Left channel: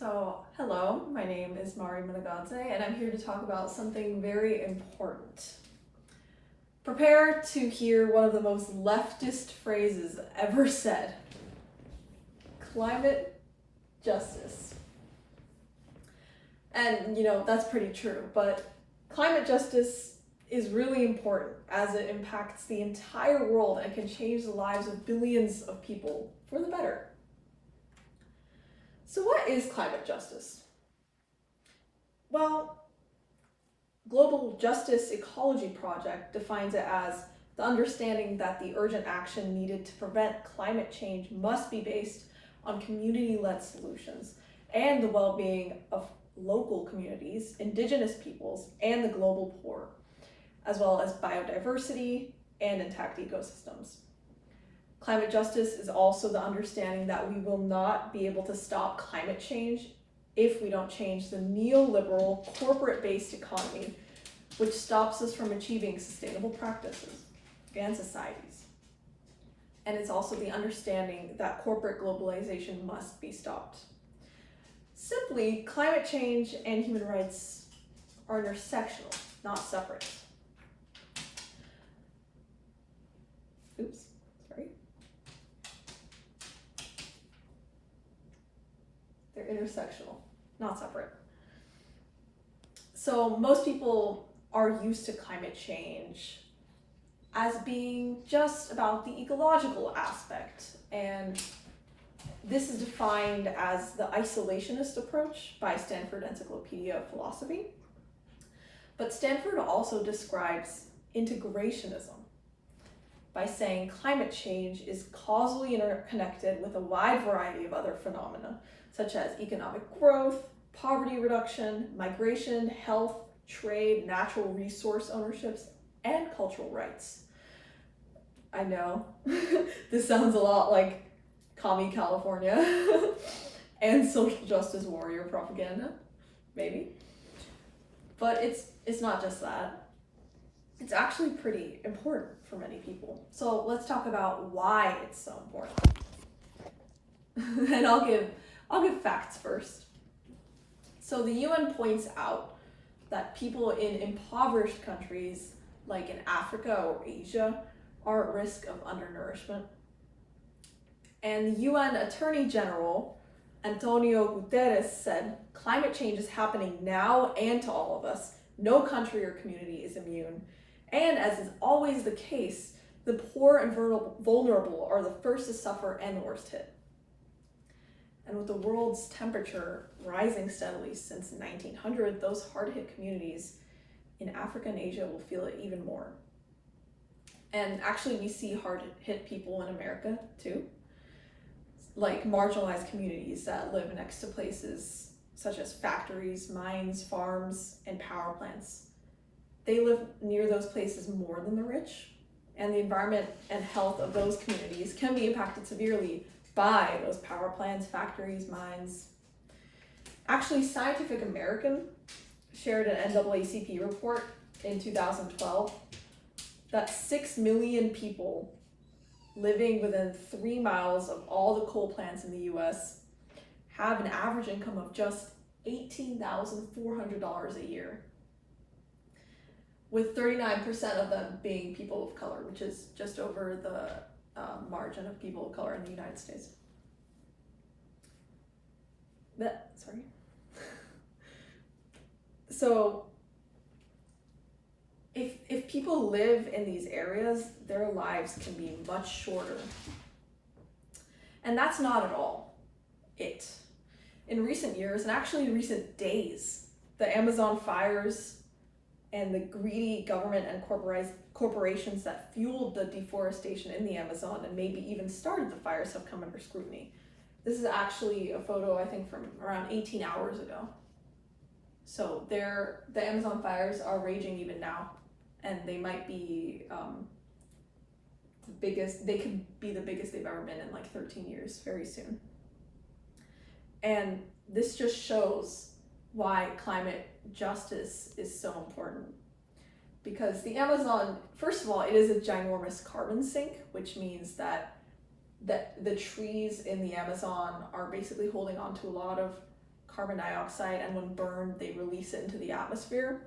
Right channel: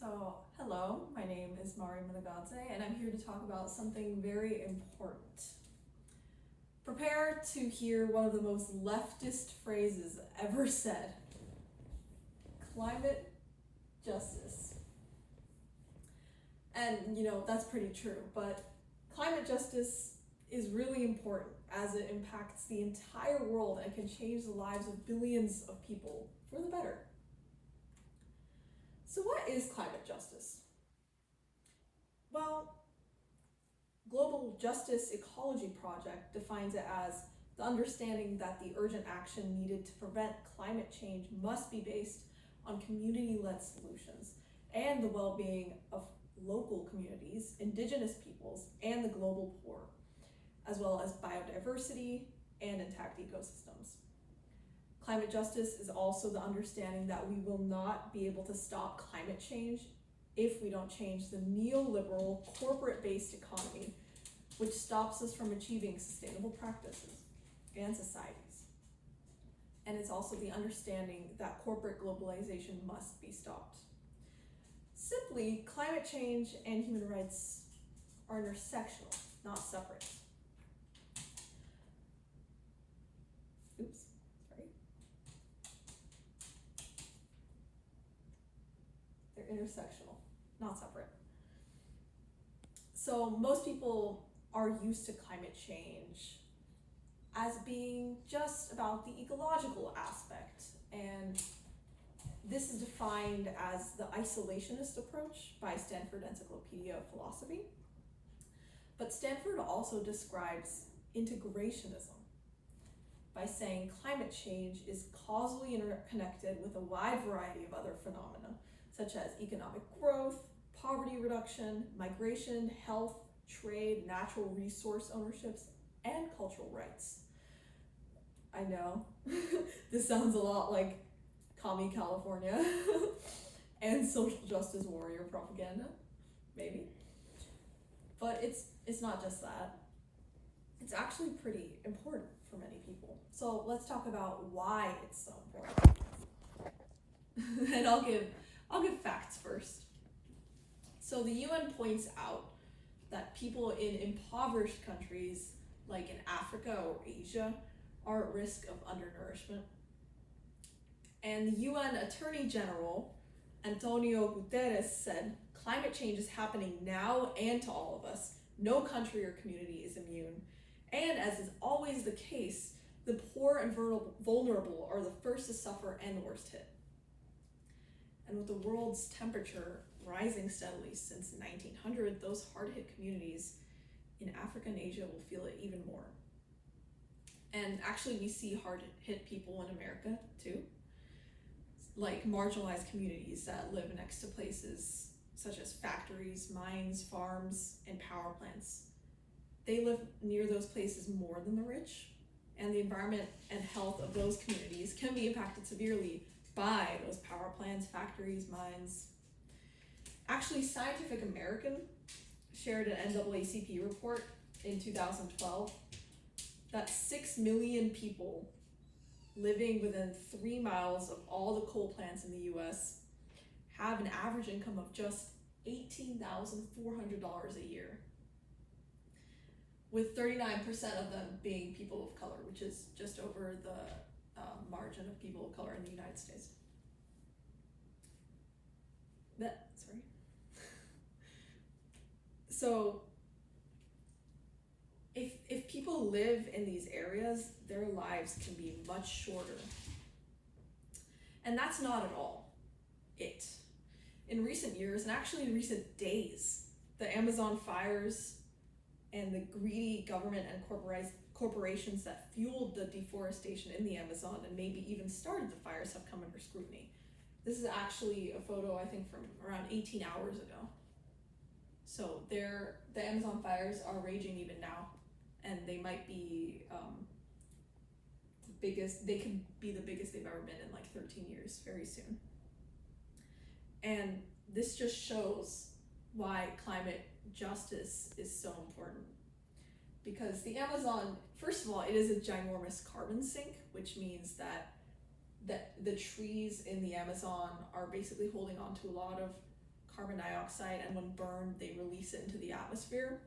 Hello, my name is Mari Managadze, and I'm here to talk about something very important. Prepare to hear one of the most leftist phrases ever said: climate justice. And that's pretty true, but climate justice is really important as it impacts the entire world and can change the lives of billions of people for the better. So what is climate justice? Well, Global Justice Ecology Project defines it as the understanding that the urgent action needed to prevent climate change must be based on community-led solutions and the well-being of local communities, indigenous peoples, and the global poor, as well as biodiversity and intact ecosystems. Climate justice is also the understanding that we will not be able to stop climate change if we don't change the neoliberal corporate-based economy, which stops us from achieving sustainable practices and societies. And it's also the understanding that corporate globalization must be stopped. Simply, climate change and human rights are intersectional, not separate. They're intersectional, not separate. So most people are used to climate change as being just about the ecological aspect, and this is defined as the isolationist approach by Stanford Encyclopedia of Philosophy. But Stanford also describes integrationism by saying climate change is causally interconnected with a wide variety of other phenomena, such as economic growth, poverty reduction, migration, health, trade, natural resource ownerships, and cultural rights. I know, this sounds a lot like Commie California and social justice warrior propaganda, maybe. But it's not just that. It's actually pretty important for many people. So let's talk about why it's so important. And I'll give facts first. So the UN points out that people in impoverished countries like in Africa or Asia are at risk of undernourishment. And the UN Attorney General Antonio Guterres said, climate change is happening now and to all of us. No country or community is immune. And as is always the case, the poor and vulnerable are the first to suffer and the worst hit. And with the world's temperature rising steadily since 1900, those hard-hit communities in Africa and Asia will feel it even more. And actually, we see hard-hit people in America too, like marginalized communities that live next to places such as factories, mines, farms, and power plants. They live near those places more than the rich, and the environment and health of those communities can be impacted severely by those power plants, factories, mines. Actually, Scientific American shared an NAACP report in 2012 that 6 million people living within 3 miles of all the coal plants in the US have an average income of just $18,400 a year, with 39% of them being people of color, which is just over the margin of people of color in the United States. So if people live in these areas, their lives can be much shorter. And that's not at all it. In recent years, and actually in recent days, the Amazon fires and the greedy government and corporations that fueled the deforestation in the Amazon and maybe even started the fires have come under scrutiny. This is actually a photo, I think, from around 18 hours ago. So the Amazon fires are raging even now, and they might be the biggest, they could be the biggest they've ever been in like 13 years very soon. And this just shows why climate justice is so important. Because the Amazon, first of all, it is a ginormous carbon sink, which means that the trees in the Amazon are basically holding on to a lot of carbon dioxide, and when burned, they release it into the atmosphere.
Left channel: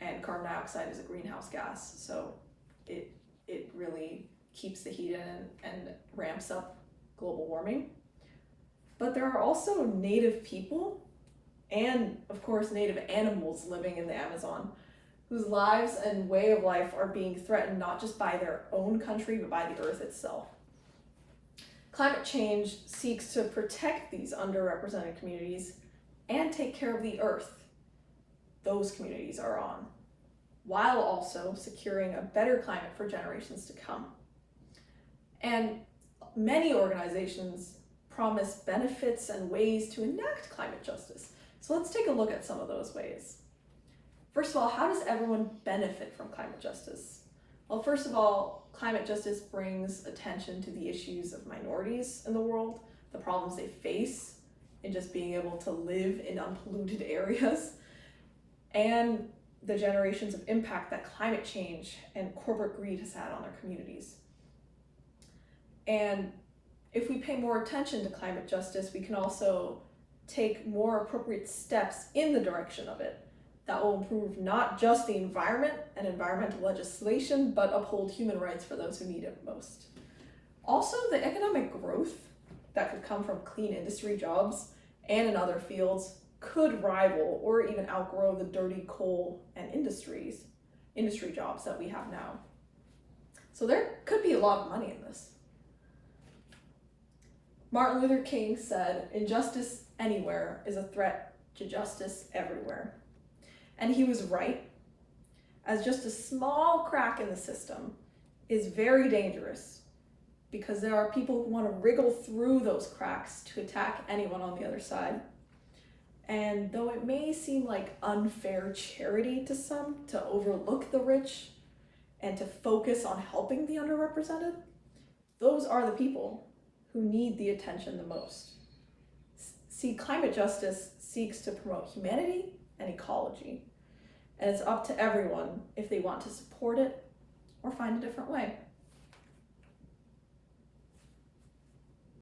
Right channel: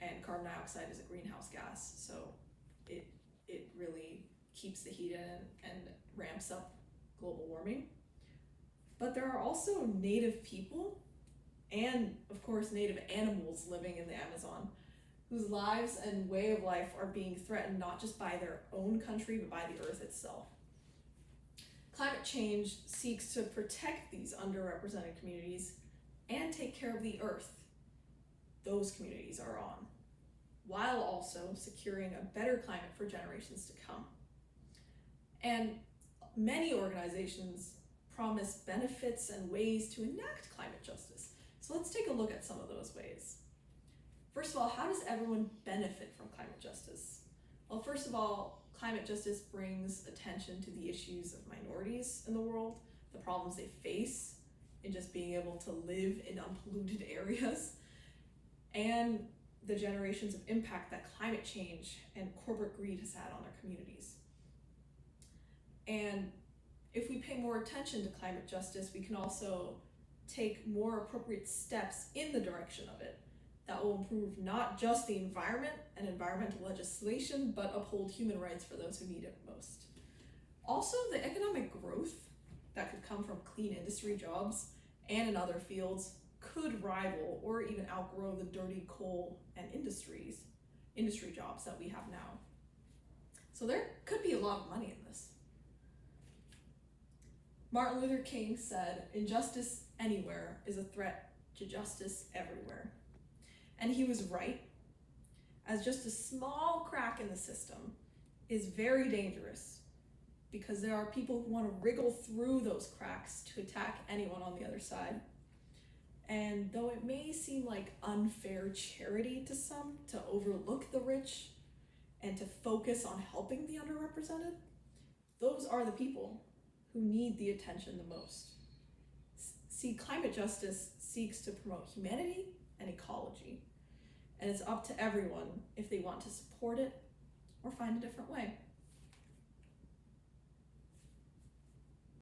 And carbon dioxide is a greenhouse gas, so it really keeps the heat in and ramps up global warming. But there are also native people and, of course, native animals living in the Amazon whose lives and way of life are being threatened not just by their own country, but by the earth itself. Climate change seeks to protect these underrepresented communities and take care of the earth those communities are on, while also securing a better climate for generations to come. And many organizations promise benefits and ways to enact climate justice. So let's take a look at some of those ways. First of all, how does everyone benefit from climate justice? Well, first of all, climate justice brings attention to the issues of minorities in the world, the problems they face in just being able to live in unpolluted areas, and the generations of impact that climate change and corporate greed has had on their communities. And if we pay more attention to climate justice, we can also take more appropriate steps in the direction of it that will improve not just the environment and environmental legislation, but uphold human rights for those who need it most. Also, the economic growth that could come from clean industry jobs and in other fields could rival or even outgrow the dirty coal and industry jobs that we have now. So there could be a lot of money in this. Martin Luther King said, "Injustice anywhere is a threat to justice everywhere." And he was right, as just a small crack in the system is very dangerous because there are people who want to wriggle through those cracks to attack anyone on the other side. And though it may seem like unfair charity to some to overlook the rich and to focus on helping the underrepresented, those are the people who need the attention the most. See, climate justice seeks to promote humanity and ecology, and it's up to everyone if they want to support it or find a different way.